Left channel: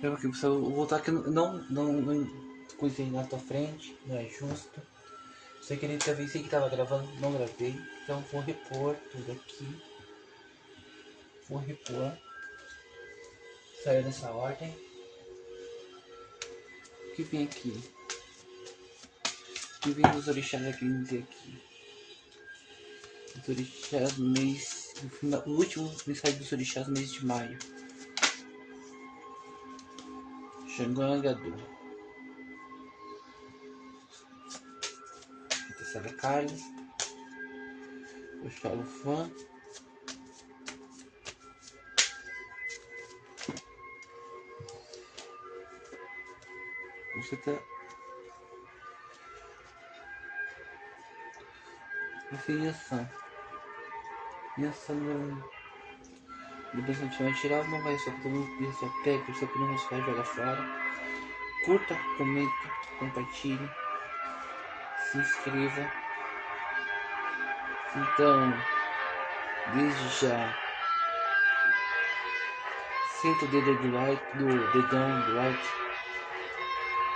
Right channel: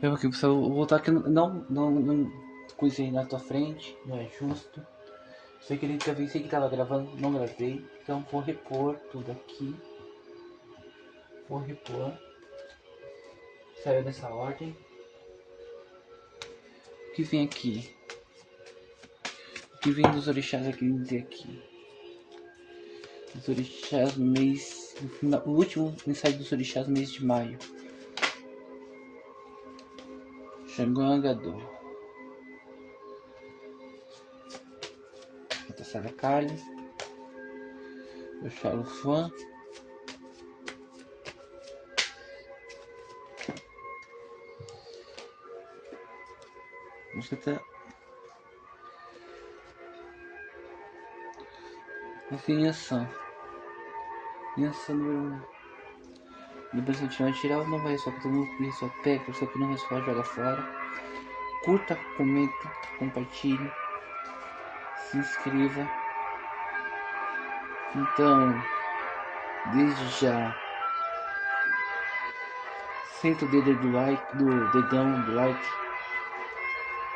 Eu aqui, se eu voltar aqui, não coisei na tua frente, não é justo. Sei que ele gravei, sei que tava gravando, não gravei. Então vou repor tudo aqui. Vou repor. Saiu nessa ordem. O que vem aqui? O que vem dos orixás aqui dizer aqui? Os orixás no mês. No final, o último mensagem dos orixás no mês de maio. Xangô Angadô. Tassara Kali. O Xalufã. Você tá. Assim, ação. E ação do bastante mais tirar, não vai só para todo mundo, só pega, só que não vai só joga fora. Curta, comente, compartilhe, se inscreva. Então, desde já, senta o dedo do like, do dedão do like.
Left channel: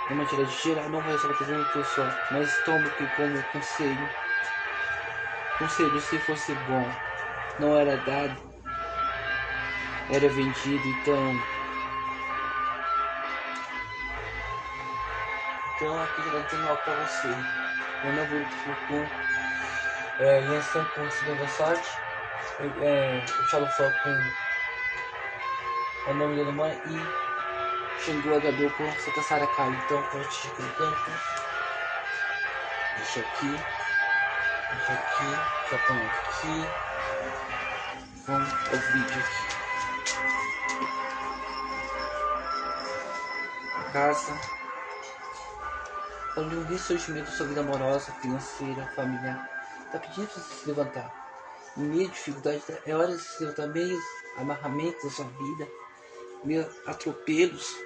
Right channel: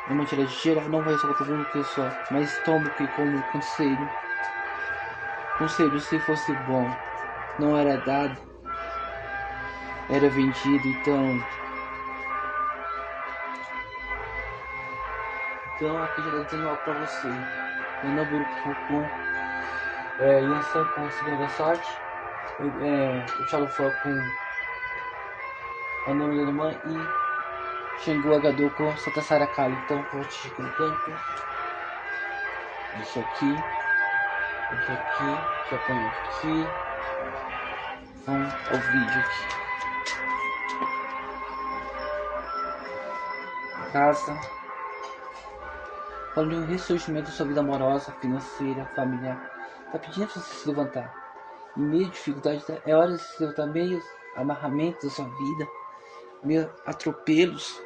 É uma tirada geral, não vai só para todo mundo só, mas toma que como conselho. Conselho, se fosse bom, não era dado, era vendido, então aqui já tá dizendo algo pra você. Eu não vou com Yansan com segunda sorte, o Xalufã com o nome da mãe e Xingu Agador com Santa Saracali. Então vou te colocando. Deixa aqui, já põe aqui. Vamos ao vídeo aqui. Casa. Falando de um ressurgimento da sua vida amorosa, financeira, familiar. Tá pedindo pra você se levantar. Em meio de dificuldade, é hora de se levantar. Meio amarramentos da sua vida, meio atropelos.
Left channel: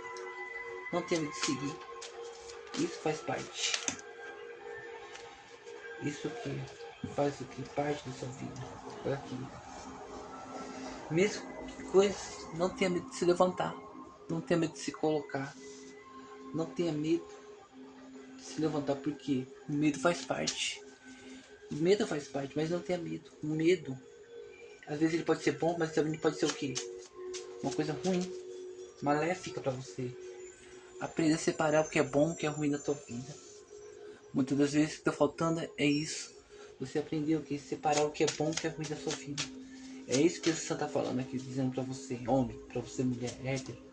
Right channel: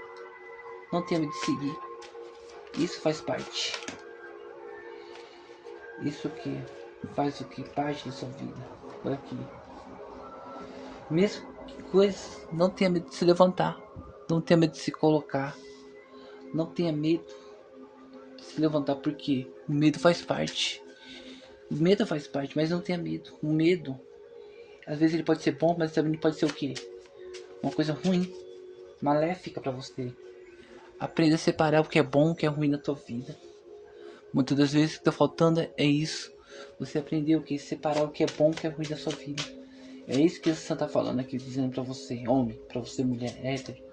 Não tenha medo de seguir. Isso faz parte. Isso que faz o que? Parte da sua vida. Olha aqui. Mesmo que coisas, não tenha medo de se levantar. Não tenha medo de se colocar. Não tenha medo de se levantar, porque o medo faz parte. O medo faz parte, mas não tenha medo. O medo, às vezes ele pode ser bom, mas também pode ser o quê? Uma coisa ruim, maléfica para você. Aprenda a separar o que é bom e o que é ruim na tua vida. Muitas das vezes o que tá faltando é isso. Você aprendeu o que? Separar o que é bom e o que é ruim da sua vida. É isso que o Santo tá falando aqui, dizendo pra você, homem, pra você, mulher, hétero.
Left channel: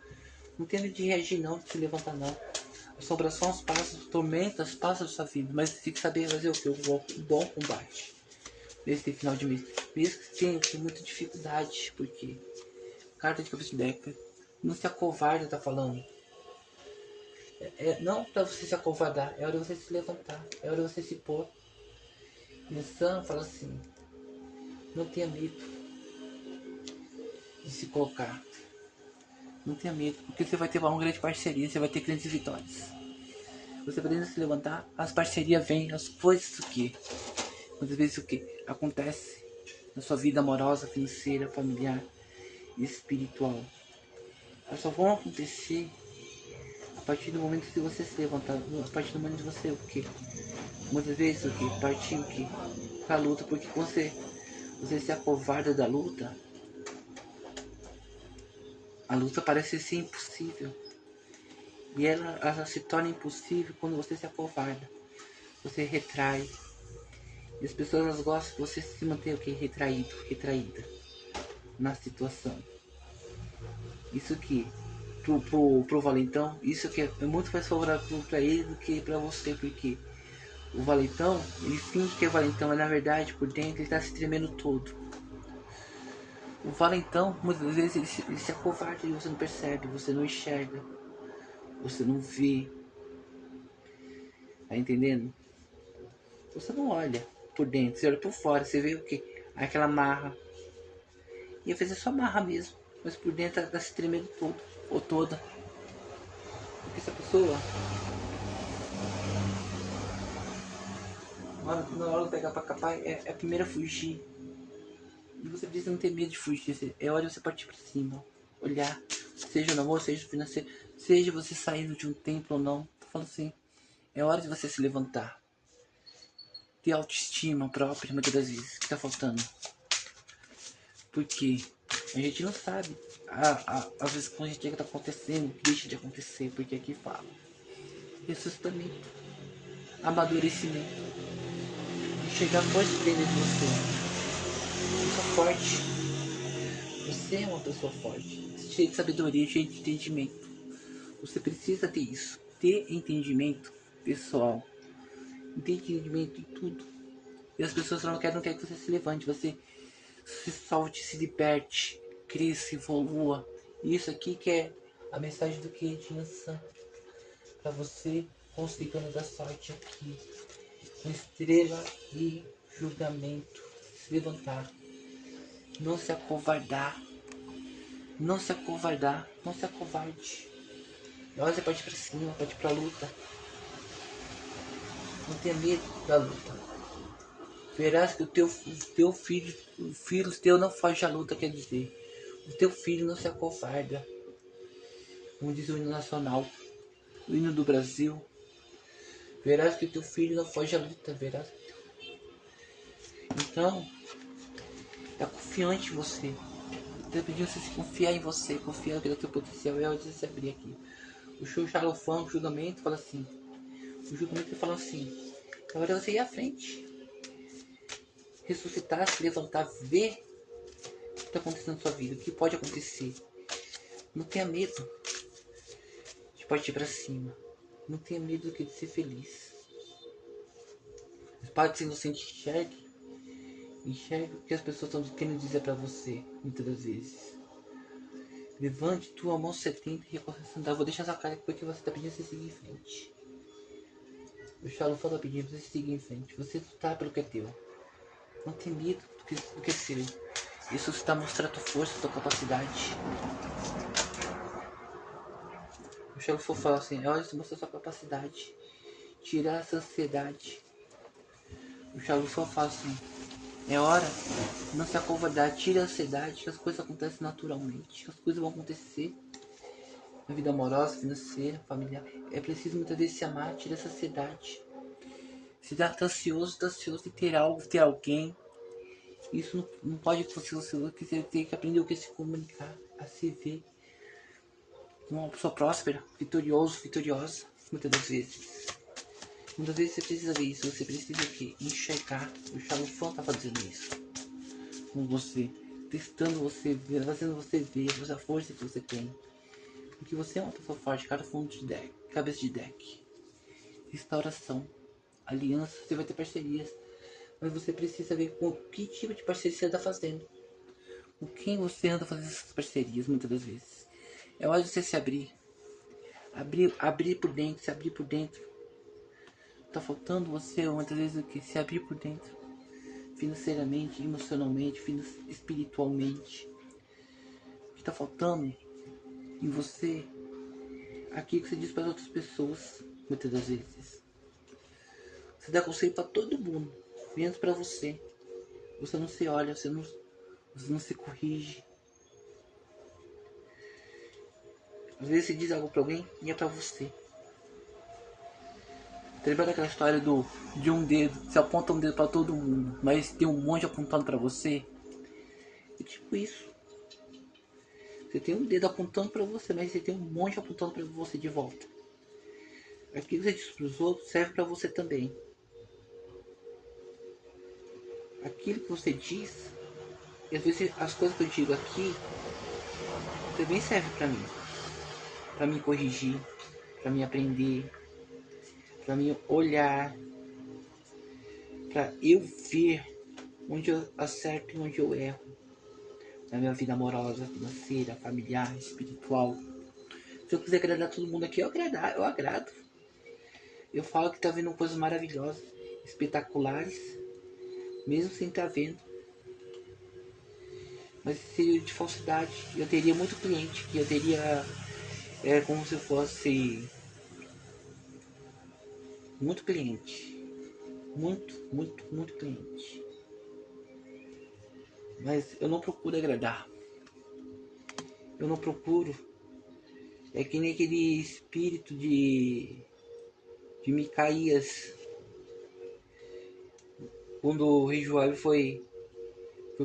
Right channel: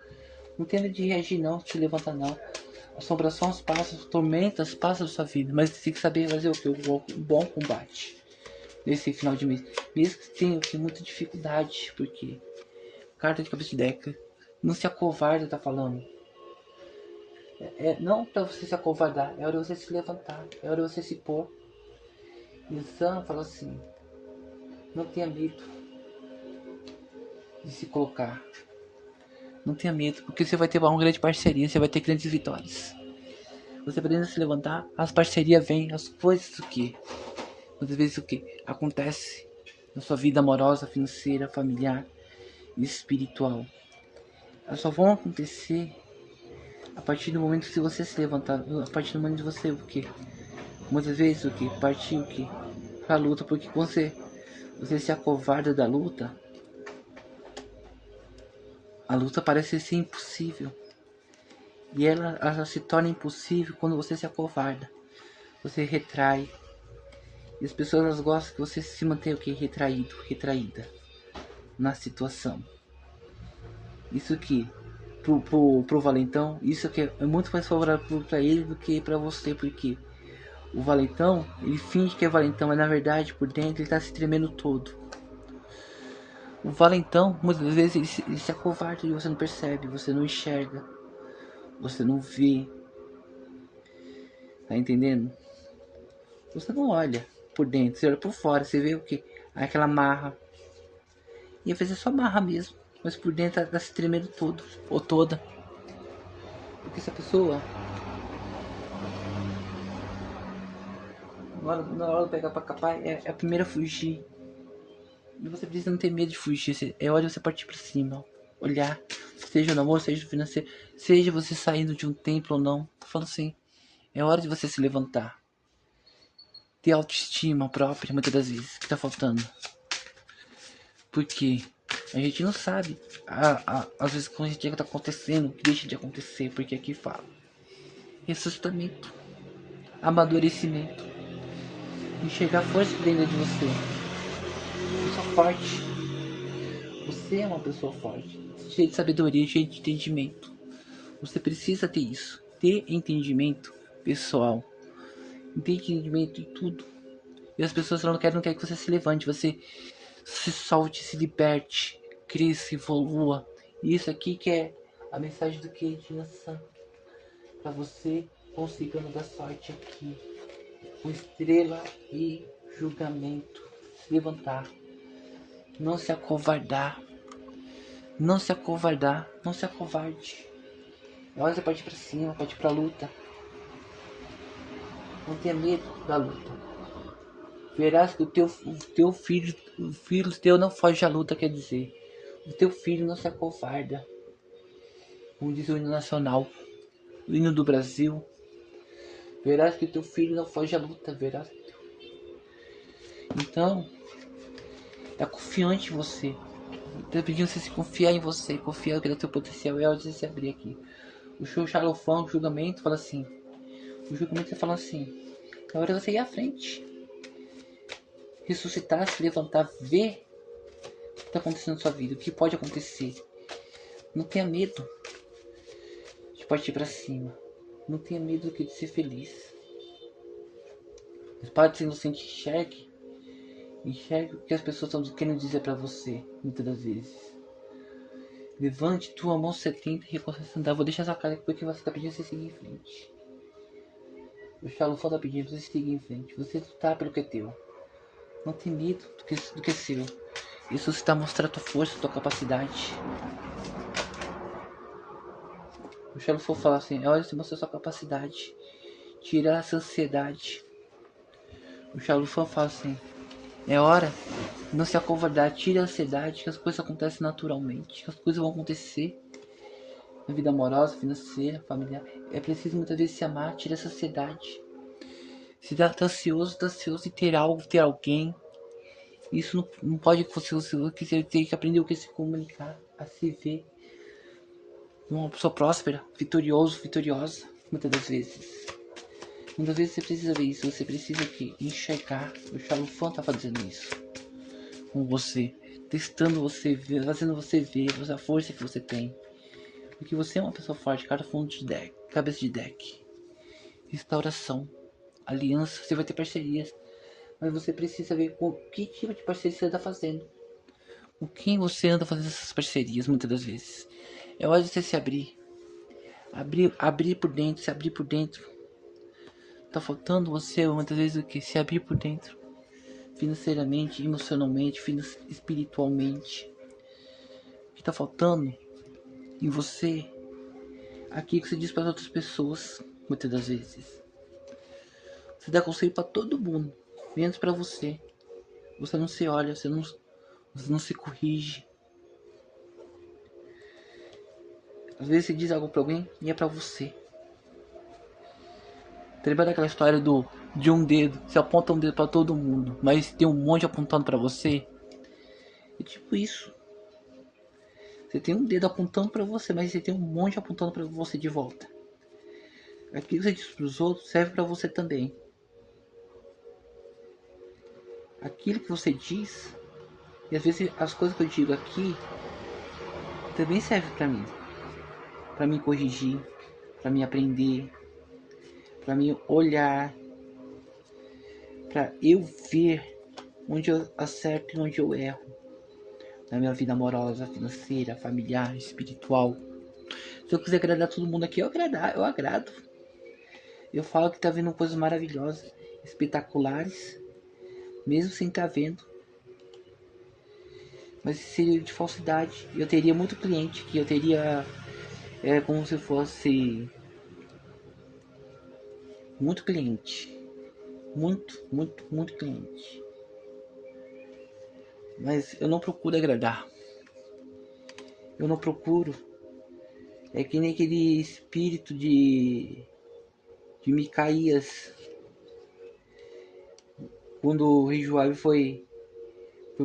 Não tenha medo de reagir não, de se levantar não. Assombrações passam, tormentas passam da sua vida, mas você tem que saber fazer o que? Um bom combate. Nesse final de mês. Mesmo que tenha muita dificuldade, porque carta de cabeça de deca. Não se acovarda, tá falando. Não pra você se acovardar, é hora de você se levantar, é hora de você se pôr. E o Sam fala assim, não tenha medo de se colocar. Não tenha medo, porque você vai ter uma grande parceria, você vai ter grandes vitórias. Você podendo se levantar, as parcerias vêm, as coisas o que? Muitas vezes o que? Acontece na sua vida amorosa, financeira, familiar e espiritual. Elas só vão acontecer a partir do momento que você se levantar, a partir do momento que você o que? Muitas vezes o que? Partir o que? Pra luta, porque quando você se acovarda da luta, a luta parece ser impossível. E ela se torna impossível quando você se acovarda. Você retrai. E as pessoas elas gostam que você se mantenha o que? Retraído, retraída na situação. Isso que pro valentão, isso que é muito mais favorável para ele do que para você, porque o valentão, ele finge que é valentão, mas na verdade por dentro ele tá se tremendo todo. O valentão, muitas vezes ele se acovarda e você não percebe, você não enxerga, você não vê. Tá entendendo? Você não olha por dentro, você olha por fora, você vê o que? Aquela marra. E às vezes é só marra mesmo, mas por dentro ela tá se tremendo todo, ou toda. Porque essa pessoa, na hora de pegar pra capar, é a primeira a fugir. E você precisa não ter medo de fugir, é hora de você partir pra cima. Olhar, seja no amor, seja no financeiro, Seja você saindo de um templo ou não, tô falando assim, é hora de você se levantar. Ter autoestima própria, muitas das vezes, que tá faltando. Porque a gente não sabe, às vezes, quando a gente tá acontecendo, que deixa de acontecer, porque aqui fala. Ressuscitamento, amadurecimento, enxergar força dentro de você. Pessoa forte. Você é uma pessoa forte, cheia de sabedoria, cheia de entendimento. Você precisa ter isso, ter entendimento pessoal, entendimento em tudo. E as pessoas não querem que você se levante, você se solte, se liberte, cresça, evolua. E isso aqui que é a mensagem do que Edinha para você consigando dar sorte aqui, com estrela e julgamento, se levantar, não se acovardar, não se acovardar, não se acovarde. Agora você pode ir pra cima, pode ir pra luta. Não tenha medo da luta. Verás que o teu filho, o filho teu não foge à luta, quer dizer. O teu filho não se acovarda. Como diz o hino nacional, o hino do Brasil. Verás que o teu filho não foge à luta, verás. Então, é confiante em você. Estou pedindo você se confiar em você, confiar no teu potencial. É hora de se abrir aqui. O show Xalofão, o julgamento, fala assim. O julgamento fala assim. É hora de você ir à frente. Ressuscitar, se levantar, ver o que está acontecendo na sua vida, o que pode acontecer. Não tenha medo de partir para cima. Não tenha medo de ser feliz. Mas para de ser inocente, enxergue. Enxergue o que as pessoas estão querendo dizer para você, muitas das vezes. Levante tua mão 70 e reconheça andar. Vou deixar essa cara aqui porque você está pedindo você seguir em frente. O Xalufão está pedindo você seguir em frente. Você lutar pelo que é teu. Não tem medo do que é seu. Isso está mostrando a tua força, a tua capacidade. O Xalufão fala assim, olha, você mostra a sua capacidade. Tirar essa ansiedade. O Xalufão fala assim, é hora de não se acovardar, tire a ansiedade, que as coisas acontecem naturalmente, que as coisas vão acontecer na vida amorosa, financeira, familiar. É preciso muitas vezes se amar, tirar essa ansiedade. Se dá tá ansioso em ter algo, ter alguém. Isso não pode ser você tem que aprender o que se comunicar, a se ver uma pessoa próspera, vitorioso, vitoriosa, muitas das vezes. Muitas vezes você precisa ver isso, você precisa que enxergar. O Xalufão tá fazendo isso com você, testando você, fazendo você ver a força que você tem. Porque você é uma pessoa forte, cada fonte de deck, cabeça de deck. Restauração, aliança, você vai ter parcerias. Mas você precisa ver com que tipo de parceria você está fazendo. Com quem você anda fazendo essas parcerias, muitas das vezes. É hora de você se abrir. Abrir por dentro, se abrir por dentro. Tá faltando você, muitas vezes, o que? Se abrir por dentro. Financeiramente, emocionalmente, espiritualmente. O que tá faltando em você? Aqui que você diz para as outras pessoas, muitas das vezes. Você dá conselho para todo mundo, menos para você. Você não se olha, você não se corrige. Às vezes você diz algo para alguém e é para você. Tá lembrando daquela história de um dedo? Você aponta um dedo para todo mundo, mas tem um monte apontando para você? É tipo isso. Você tem um dedo apontando para você, mas você tem um monte apontando para você de volta. Aquilo que você diz para os outros serve para você também. Aquilo que você diz, e às vezes as coisas que eu digo aqui também servem para me corrigir, para me aprender, para me olhar, para eu ver onde eu acerto e onde eu erro na minha vida amorosa, financeira, familiar, espiritual. Se eu quiser agradar todo mundo aqui, eu agrado. Eu falo que tá vendo coisas maravilhosas, espetaculares, mesmo sem estar vendo. Mas seria de falsidade. Eu teria muito cliente que eu teria como se fosse muito cliente. Muito cliente. Mas eu não procuro agradar. Eu não procuro É que nem aquele espírito de Micaías, quando o rei Joabe foi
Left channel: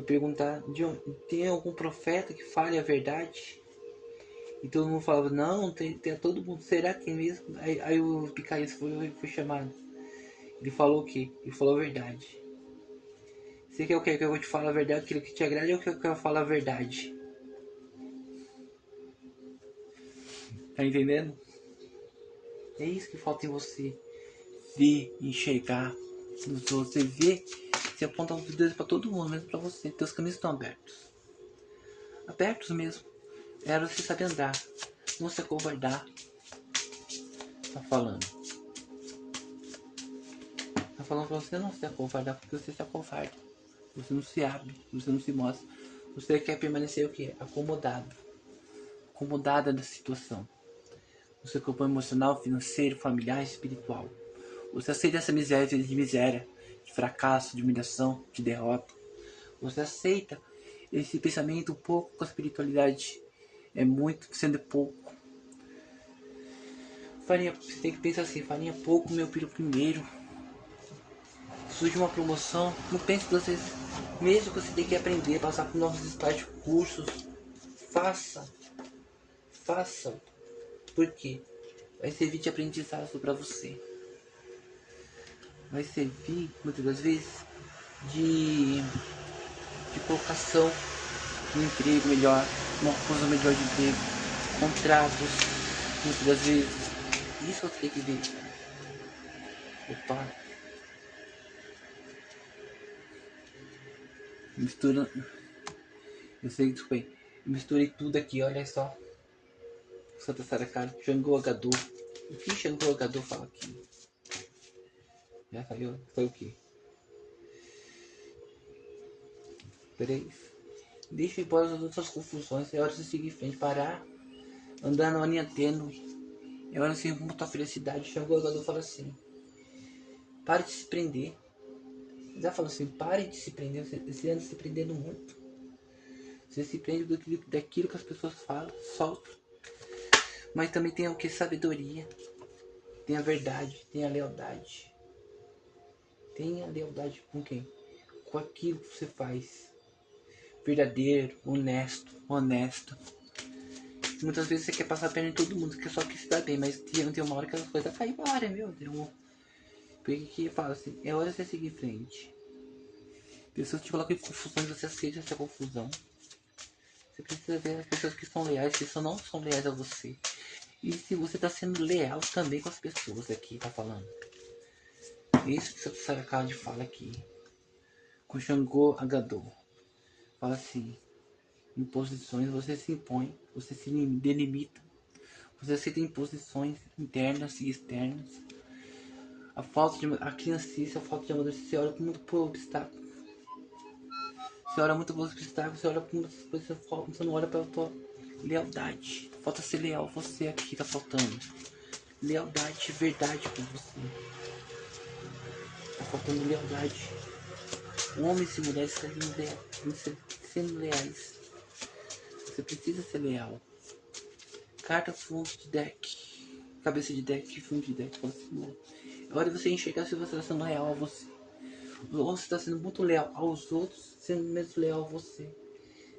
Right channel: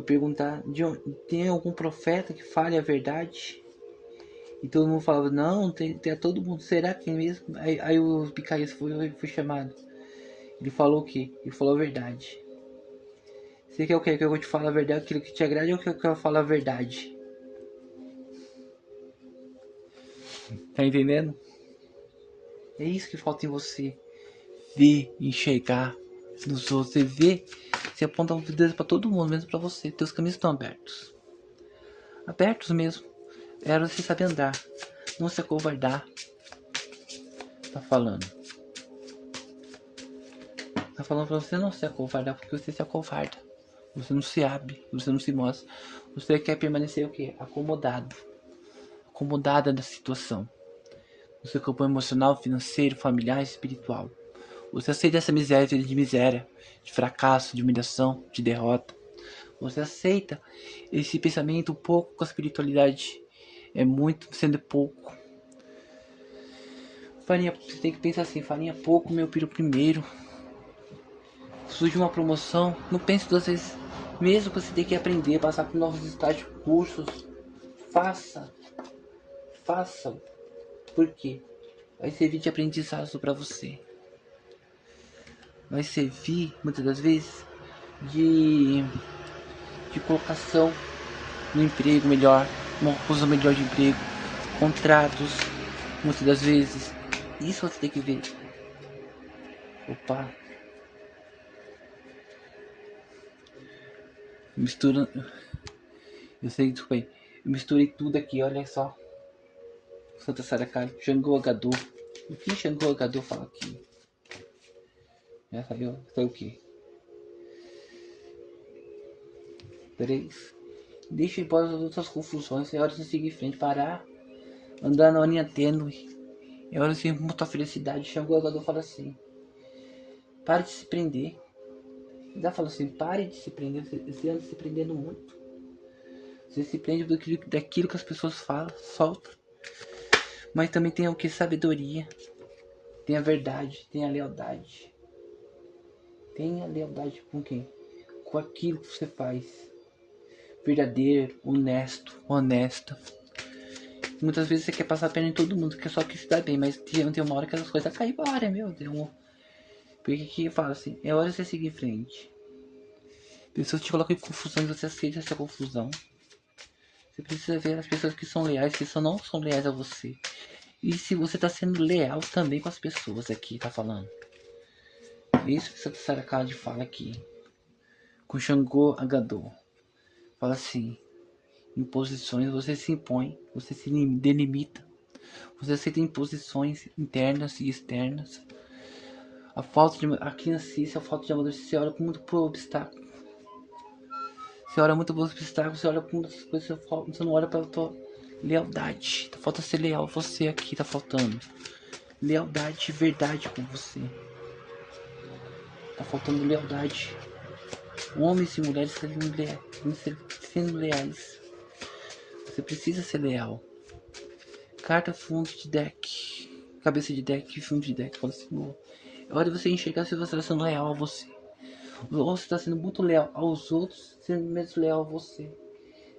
perguntar tem algum profeta que fale a verdade? E todo mundo falava, não, tem todo mundo, será que é mesmo? Aí o Micaías foi chamado. Ele falou o quê? Ele falou a verdade. Você quer o quê? Que eu vou te falar a verdade, aquilo que te agrade, ou que eu falo a verdade? Tá entendendo? É isso que falta em você. Ver, enxergar nos outros. Você vê, você aponta o dedo pra todo mundo, mesmo pra você. Teus caminhos estão abertos. Abertos mesmo. Era você saber andar. Não se acovardar. Tá falando. Tá falando pra você não se acovardar, porque você se acovarda. Você não se abre, você não se mostra. Você quer permanecer o quê? Acomodado. Acomodada da situação. No seu campo emocional, financeiro, familiar, espiritual. Você aceita essa miséria de fracasso, de humilhação, de derrota. Você aceita esse pensamento pouco com a espiritualidade. É muito sendo pouco. Farinha, você tem que pensar assim, farinha pouco, meu filho primeiro. Surge uma promoção, não pense duas vezes. Mesmo que você tenha que aprender, passar por novos estágios, cursos, faça. Faça. Por quê? Vai servir de aprendizado para você. Vai servir, muitas das vezes, de colocação no emprego melhor, uma coisa melhor de emprego, contratos, muitas das vezes. Isso você tem que ver. Opa, mistura. Eu sei que foi. Eu misturei tudo aqui, olha só. Santa Saracari, Xangô Agador. O que Xangô Agador fala aqui? Já saiu o quê? 3. Deixa embora as outras confusões. É hora de seguir em frente, parar, andar na linha tênue. É hora de ser muita felicidade. Xangô Agador fala assim: pare de se prender. Já fala assim: pare de se prender. Você anda se prendendo muito. Você se prende daquilo que as pessoas falam, solta. Mas também tem o que? Sabedoria. Tem a verdade, tem a lealdade. Tenha lealdade com quem? Com aquilo que você faz. Verdadeiro, honesto, honesta. Muitas vezes você quer passar a perna em todo mundo, quer só que se dá bem, mas tem uma hora que as coisas caem para área, meu Deus. Porque que eu falo assim, é hora de você seguir em frente. Pessoas te colocam em confusão e você aceita essa confusão. Você precisa ver as pessoas que são leais, que não são leais a você. E se você tá sendo leal também com as pessoas aqui, tá falando. Isso que Santa Saracade fala aqui. Com Xangô Agador. Fala assim. Em posições você se impõe, você se delimita. Você aceita imposições internas e externas. A falta de a criancice, a falta de amadurecer, você olha com muito por obstáculo. Você olha muito por obstáculo, você olha com muitas coisas, você não olha pela tua lealdade. Tá falta ser leal você aqui, tá faltando. Lealdade, verdade com você. Tá faltando lealdade. Homens e mulheres sendo leais. Você precisa ser leal. Carta fundo de deck. Cabeça de deck, fundo de deck. Fala assim, é hora de você enxergar se você está sendo leal a você. Ou você está sendo muito leal aos outros, sendo menos leal a você.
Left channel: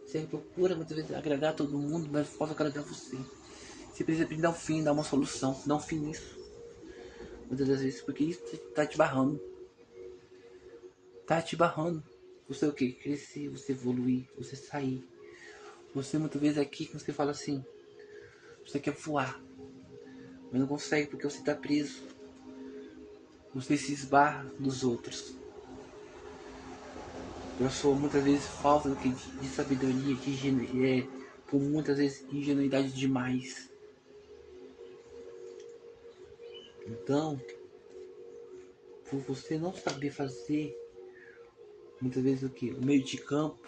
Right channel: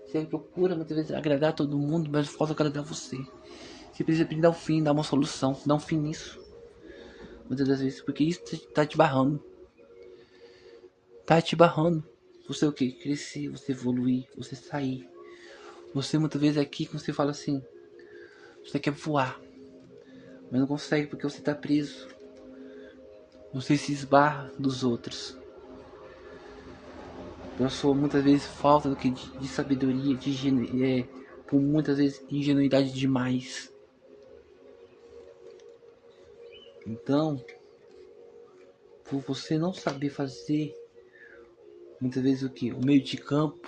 Você procura muitas vezes agradar todo mundo, mas falta agradar você. Você precisa dar um fim, dar uma solução, dar um fim nisso. Muitas das vezes, porque isso tá te barrando. Tá te barrando. Você o que? Crescer, você evoluir, você sair. Você muitas vezes aqui, quando você fala assim, você quer voar, mas não consegue porque você tá preso. Você se esbarra dos outros. Pela sua muitas vezes falta do que de sabedoria, por muitas vezes ingenuidade demais. Então, por você não saber fazer muitas vezes o que? O meio de campo,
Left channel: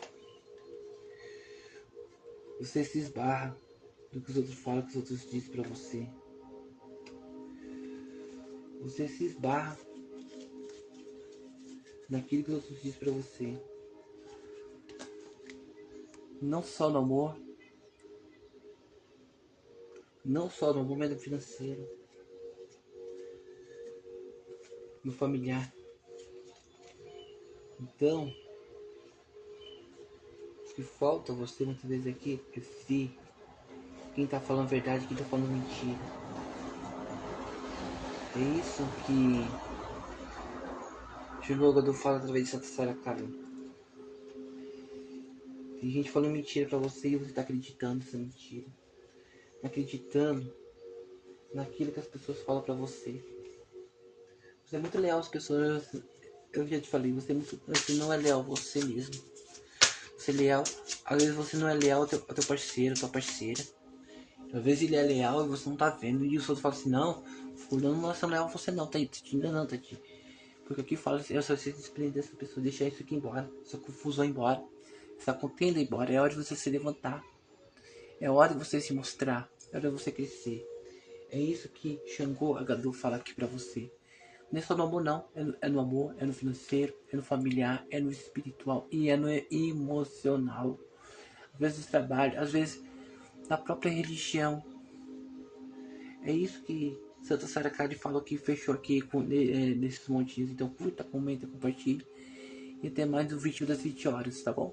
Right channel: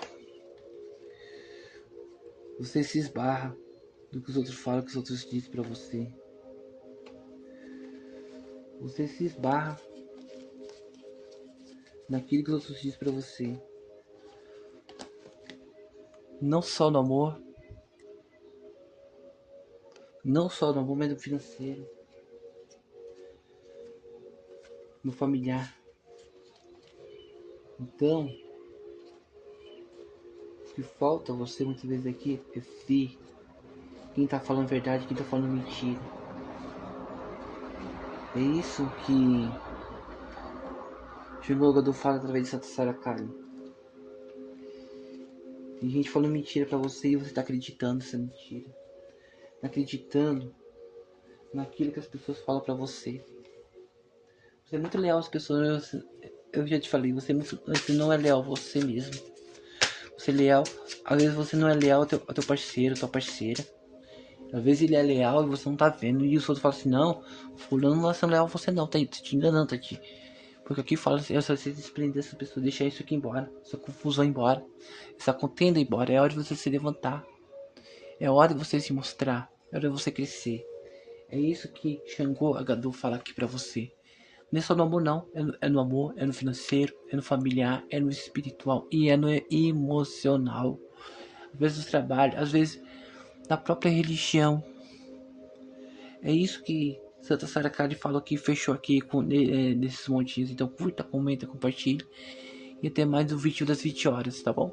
você se esbarra do que os outros falam, que os outros dizem pra você. Você se esbarra naquilo que os outros dizem pra você. Não só no amor, Não só no momento financeiro, no familiar. Então, o que falta você muitas vezes aqui é ver quem tá falando verdade e quem tá falando mentira. É isso que o jogador fala através de Santa Sarah Kali. Tem gente falando mentira pra você e você tá acreditando nessa mentira. Tá acreditando naquilo que as pessoas falam pra você. Você é muito leal às pessoas. Eu já te falei, você não é leal a você mesmo. Você é leal. Às vezes você não é leal ao teu parceiro, tua parceira. Às vezes ele é leal e você não tá vendo. E os outros falam assim, não, fulano não é leal a você não, tá te enganando, tá te. Porque aqui fala assim, se você se desprender dessa pessoa, deixar isso aqui embora, essa confusão embora, essa contenda embora. É hora de você se levantar. É hora de você se mostrar. É hora de você crescer. É isso que Xangô Agadu fala aqui pra você. Não é só no amor não, é no amor, é no financeiro, é no familiar, é no espiritual e é no emocional. Às vezes no trabalho, às vezes na própria religião. É isso que Santa Sara Kali falou aqui, fechou aqui com, nesses montinhos. Então curta, comenta, compartilhe. E até mais no vídeo das 20 horas, tá bom?